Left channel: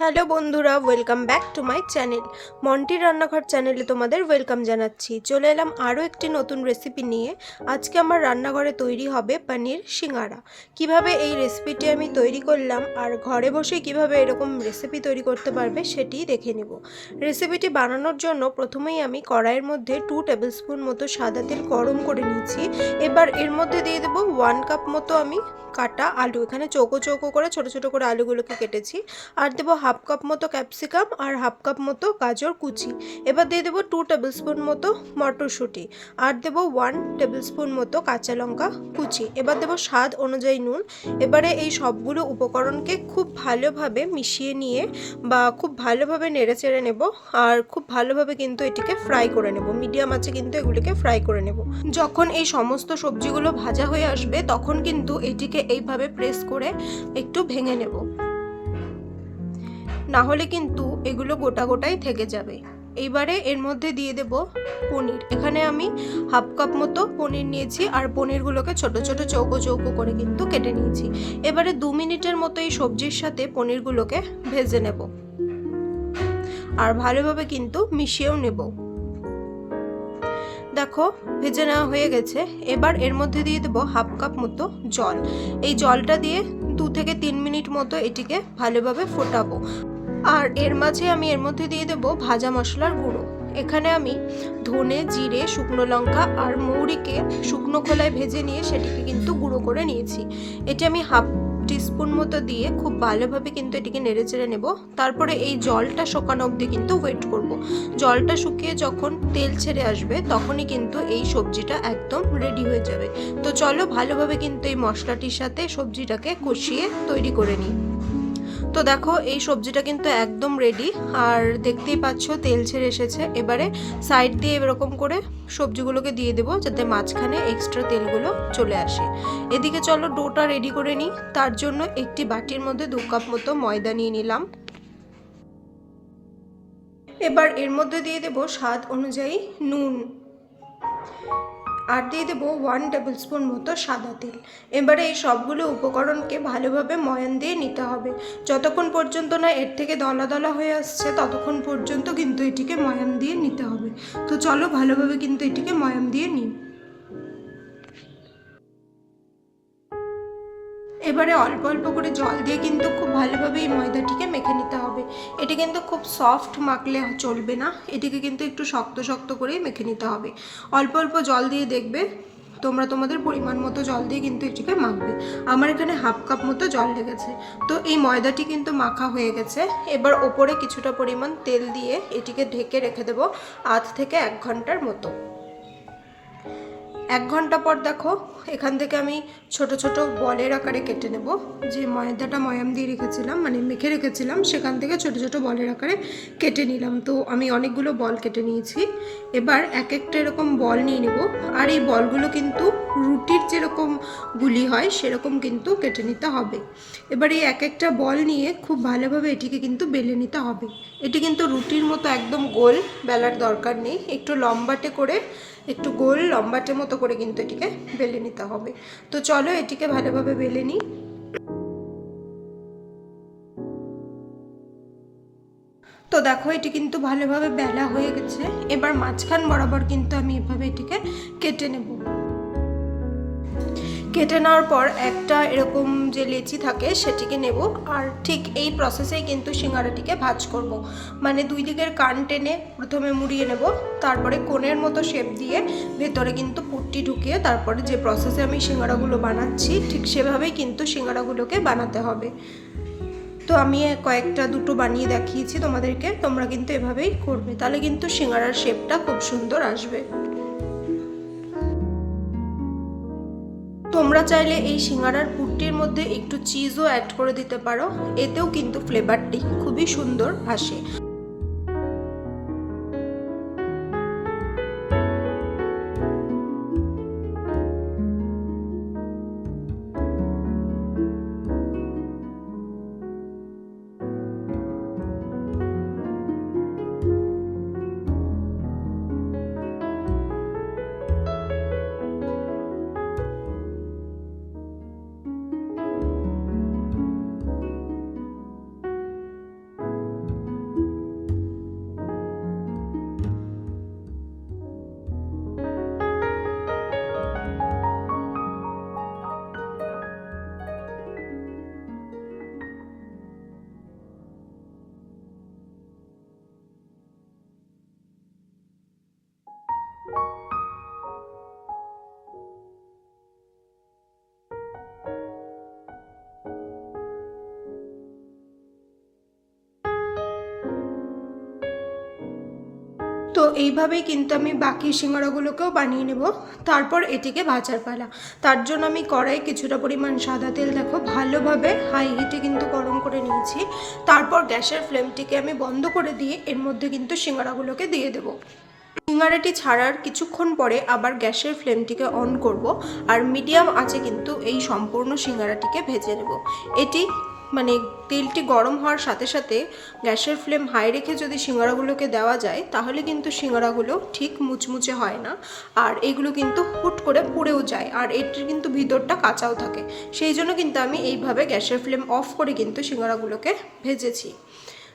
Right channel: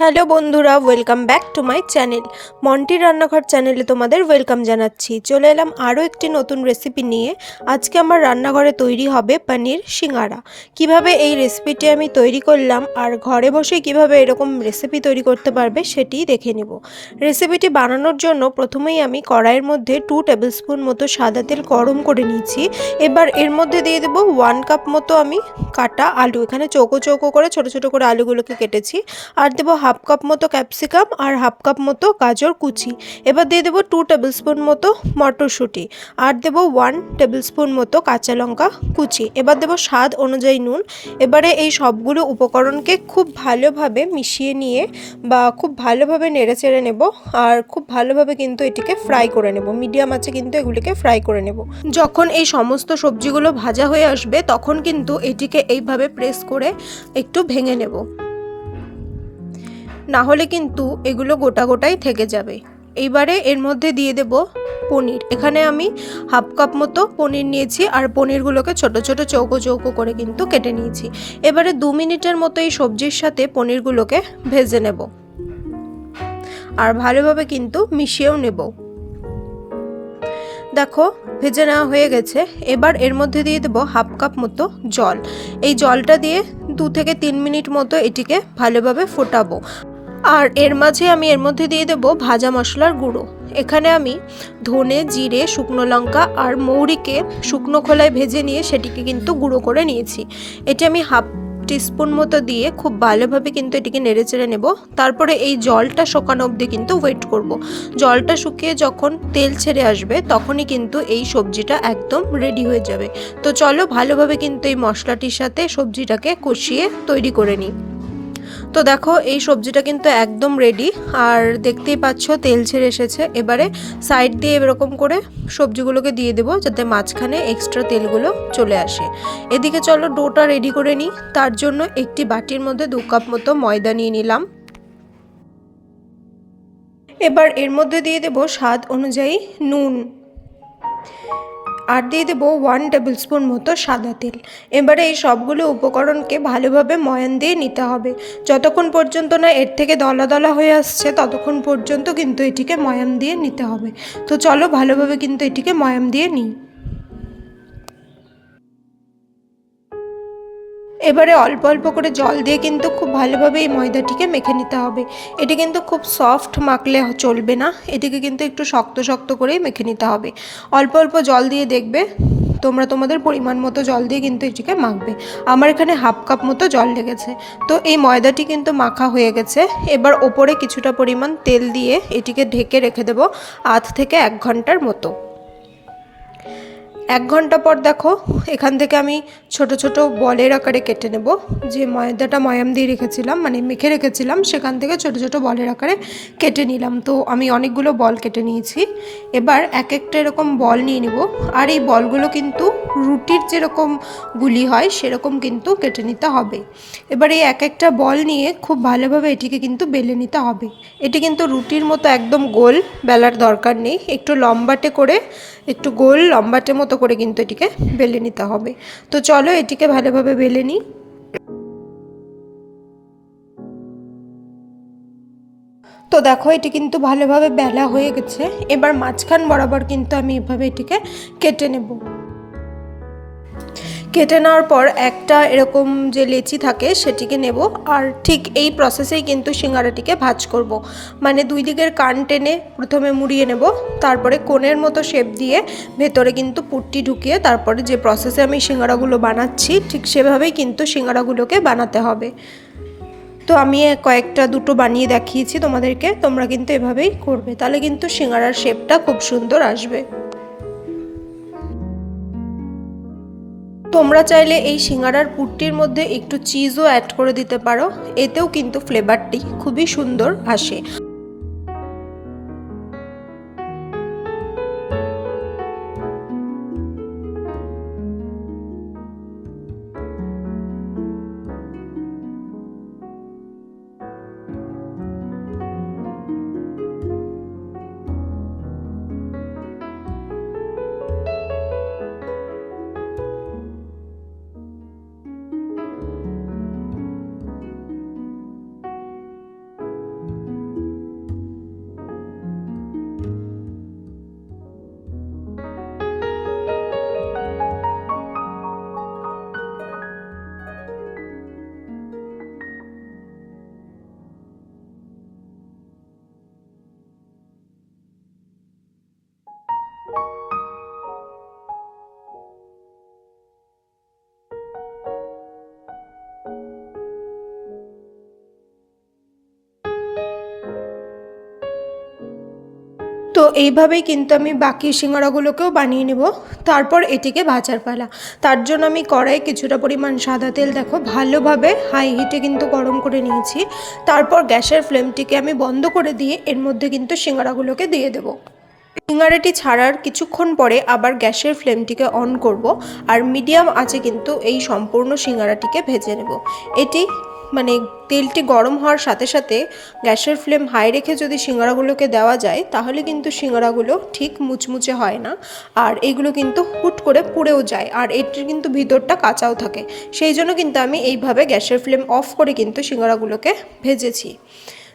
Hello বন্ধুরা welcome back to my channel Monti রান্নাঘর চ্যানেলে তোমাদের ওয়েলকাম জানাচ্ছি। চলে এলাম আরও একটি নতুন রেসিপি নিয়ে। আজকে আমার রান্নাঘরে তৈরি হবে পনির সিঙ্গারা। কীভাবে এই রেসিপিটি আমি তৈরি করলাম আর ঘরে বসে কীভাবে এরকম রেসিপি তৈরি করতে পারবে সেটি দেখে নেব। রেসিপিটি বানানোর জন্য প্রথমেই আমি কড়াইয়ের মধ্যে টু টেবিল স্পুন মতো সাদা তেল গরম করে নিয়েছি। এবার এর মধ্যে দিয়ে দেবো ওয়ান কাপ মতো আমি কাটা আলু। এখানে চৌকো চৌকো করে ছোট ছোট করে আলুগুলোকে কেটেছি। আর দেবো হাফ কাপ মতো ক্যাপসিকাম আর হাফ কাপ মতো গাজর কুচি। এবার দিয়ে দেবো টু টেবিল স্পুন মতো মটরশুঁটি আর দেবো ওয়ান টেবিল স্পুন মতো কাঁচা লঙ্কা কুচি। এবার দেবো স্বাদ অনুযায়ী নুন। এবারে এই সবগুলো উপকরণকে খুব ভালোভাবে মিশিয়ে নিয়ে বা খুব ভালোভাবে নেড়ে চেড়ে নেব আর খুব ভালোভাবে কিন্তু এটিকে ফ্রাই করে নেব। মিডিয়াম আছে কিন্তু এগুলিকে ফ্রাই করে নেব। যখন এই সমস্ত সবজিগুলো ভাজা হয়ে আসবে তখন কিন্তু এটিকে এইভাবে প্রেস করে একটু ভেঙে নেব। না হলে কিন্তু এগুলো গোটা গোটাই থেকে যাবে। এইবারে এর মধ্যে দিয়ে দেব পনির। এখানে আমি হাফ কাপ মতো পনির নিয়েছি আর পনিরগুলোকে ছোট ছোট চৌকো চৌকো করে কিন্তু কেটে নিয়েছি। এবারে দু মিনিটের মতো এই সবজির সাথে পনিরগুলোকে ভেজে নেব। আর ভালোভাবে কিন্তু মিশিয়েও নেব। দেখো, ভেজে নেওয়া হয়ে গেছে। এবার এর মধ্যে দিয়ে দেবো হাফ কাপ মতো জল। এই জলটা দিয়ে দু থেকে তিন মিনিট মতো এটিকে ভালোভাবে ফোটাবো। আর এর মাঝে আমি এর মধ্যে দিয়ে দেবো ভাজা মশলার গুঁড়ো। এখানে আমি ধনে, জিরে, শুকনো লঙ্কা আর মৌরিকে শুকনো খোলায় ভেজে নিয়ে সেটিকে কিন্তু গুঁড়ো করে নিয়েছি। এটি আমি হাফ টিস্পুন মতো দিয়ে খুব ভালোভাবে কিন্তু এটিকে নেড়ে চেড়ে নেব। তারপরে এই জলটা শোকানো অবধি কিন্তু ওয়েট করব। জলটা শুকিয়ে যখন তেল ছেড়ে আসবে তখনই কিন্তু এই সবজিটা একদম রেডি হয়ে যাবে। তো চলো ভালোভাবে কিন্তু এই মশলাটির সাথে সবজিটাকে কষিয়ে তৈরি করে নিই। তো দেখো, এই সবজিটা কিন্তু একদম রেডি আর দেখতেই পাচ্ছ তেল ছেড়ে এসেছে। এবারে সাইড দিয়ে এরকম করে সবজিগুলোকে দিয়ে দেবো, যাতে মাঝখানে এক্সট্রা তেলগুলো চলে আসে। এদিকে চলো ডোটা রেডি করে নিই। তার জন্য একটি বাটির মধ্যে দু কাপ মতো ময়দা নিয়ে নিলাম। এবার এর মধ্যে দিয়ে দেবো স্বাদ অনুযায়ী নুন। আর দিয়ে দেবো ওয়ান টেবিল স্পুন মতো সাদা তেল। এবারে এই সবগুলো উপকরণকে ভালোভাবে ময়ান দিয়ে নিতে হবে। যতক্ষণ পর্যন্ত না এর থেকে দলা দলা হয়ে আসছে, ততক্ষণ পর্যন্ত কিন্তু এটিকে ময়াম দিয়ে নিতে হবে। তো চলো ভালোভাবে কিন্তু এটিকে ময়াম দিয়ে নিই। এবারে অল্প অল্প করে জল দিয়ে কিন্তু খুব ভালোভাবে এই ময়দাটিকে মেখে নিতে হবে। এটি কিন্তু খুব সফট মাখলে চলবে না। এটিকে কিন্তু একটু শক্ত শক্ত করেই মেখে নিতে হবে। অল্প অল্প জল দিয়ে দেখবে, তোমরা তোমাদের পরিমাণ মতো জল দিয়ে কিন্তু এটিকে মাখবে। আমার এখানে হাফ কাপ মতো জল লেগেছে। তো এই ময়দাটি কিন্তু মাখা হয়ে গেছে। এবার ওপরে কিছুটা পরিমাণ তেল দিয়ে এটিকে ঢেকে রেখে দেবো আধ থেকে এক ঘণ্টার মতো। এক ঘণ্টা পর দেখো, এখান থেকে আমি ছোট ছোট বলের আকারে কেটে নেব। যে ময়দাটা ময়াম দিয়ে রেখেছিলাম মানে মেখে রেখেছিলাম, সেখান থেকে ছোট ছোট বলের আকারে কেটে নিলাম। তো আমি অনেকগুলো বল কেটে নিয়েছি। এবার এক একটা এরকম বল নিয়ে নেব। আর এই বলগুলো কিন্তু রুটির যেরকম গুলি হয়, সেরকম কিন্তু কেটে নিতে হবে। এবার এই এক একটা বল নিয়ে খুব ভালোভাবে এটিকে কিন্তু বেলে নিতে হবে। এটি কিন্তু রুটির মতো একদম গোল, বেলার দরকার নেই। একটু লম্বাটে করে একটু গোল লম্বাটে মতো করে কিন্তু এটিকে বেলে নিতে হবে। তো চলো এটিকে ভালোভাবে বেলে নিই। তো দেখো এটি কিন্তু ভালোভাবে বেলা হয়ে গেছে। এবার মাঝখান বরাবর কিন্তু আমি এভাবে এটিকে কেটে নেব। কেটে নেওয়ার পর একটা এরকম যে লেচি থাকে সেটিকে নেব। আর ঠিক এই প্রসেসেই কিন্তু সিঙ্গারাটিকে ভাজ করব। মানে দুই দিকের কান টেনে প্রথমে মুড়িয়ে নেব। তারপরে কোণের মতো শেপ দিয়ে ভেতরে কিন্তু পুট্টি ঢুকিয়ে তারপরে যে প্রসেসে আমি সিঙ্গারাগুলো বানাচ্ছি, ঠিক সেভাবেই কিন্তু সিঙ্গারাগুলোকে বানাতে হবে। তো আমি কয়েকটা দুটো বানিয়ে দেখিয়েছি তোমাদেরকে, তোমরা কিন্তু এভাবেই করবে। তাহলে কিন্তু সিঙ্গারার শেপটা খুব সুন্দর আসবে। তোমরা চাইলে এই সিঙ্গারার পুটটির মধ্যে একটু চিজও অ্যাড করে দিতে পারো। এতেও কিন্তু ফ্লেভারটি খুবই সুন্দর আসে। তো এইভাবেই কিন্তু আমি বাকি সিঙ্গারাগুলোকেও বানিয়ে নেব। তারপর এটিকে ভাজার পালা। তার জন্য আমি কড়াই কিছুটা পরিমাণ সাদা তেল দেখো, ভালোভাবে হাই হিটে কিন্তু গরম করে নিয়েছি। তারপর গ্যাসের ফ্লেমটিকে আমি বন্ধ করে দিয়ে এর মধ্যে কিন্তু সিঙ্গারাগুলোকে দিয়ে দেবো। সিঙ্গারাটি ছাড়ার কিছুক্ষণ পরে আবার গ্যাসের ফ্লেমটিকে অন করব। আর মিডিয়াম আছে কিন্তু এই সম্পূর্ণ সিঙ্গারাটিকে ভেজে নেব। এটি মানে তেলটি গরম হওয়ার সাথে সাথে গ্যাসের ফ্লেম হাই রেখে যদি সিঙ্গারাগুলোকে দেওয়া যায়, তাহলে কিন্তু সিঙ্গারাগুলো ঠিক মুচমুচে হয় না। আর এগুলো কিন্তু হুট করে পুড়েও যায়, আর এটির কিন্তু ভিতরটা কাঁচাও থাকে। সেই জন্য কিন্তু আমি এইভাবে গ্যাসের ফ্লেম অফ করে কিন্তু সিঙ্গারাগুলোকে ভেজেছি।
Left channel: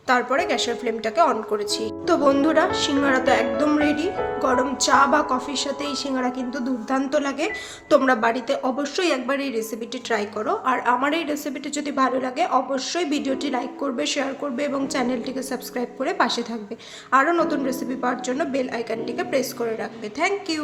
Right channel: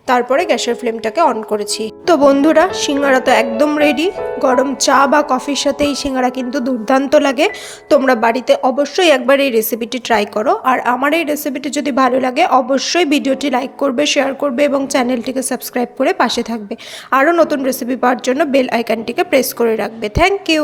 তারপরে গ্যাসের ফ্লেমটাকে অন করেছি। তো বন্ধুরা, সিঙ্গারা তো একদম রেডি গরম চা বা কফির সাথে এই সিঙ্গারা কিন্তু দুর্দান্ত লাগে। তোমরা বাড়িতে অবশ্যই একবার এই রেসিপিটি ট্রাই করো। আর আমার এই রেসিপিটি যদি ভালো লাগে, অবশ্যই ভিডিওটি লাইক করবে শেয়ার করবে এবং চ্যানেলটিকে সাবস্ক্রাইব করে পাশে থাকবে। আরও নতুন রেসিপি পাওয়ার জন্য বেল আইকনটিকে প্রেস করে রাখবে। Thank you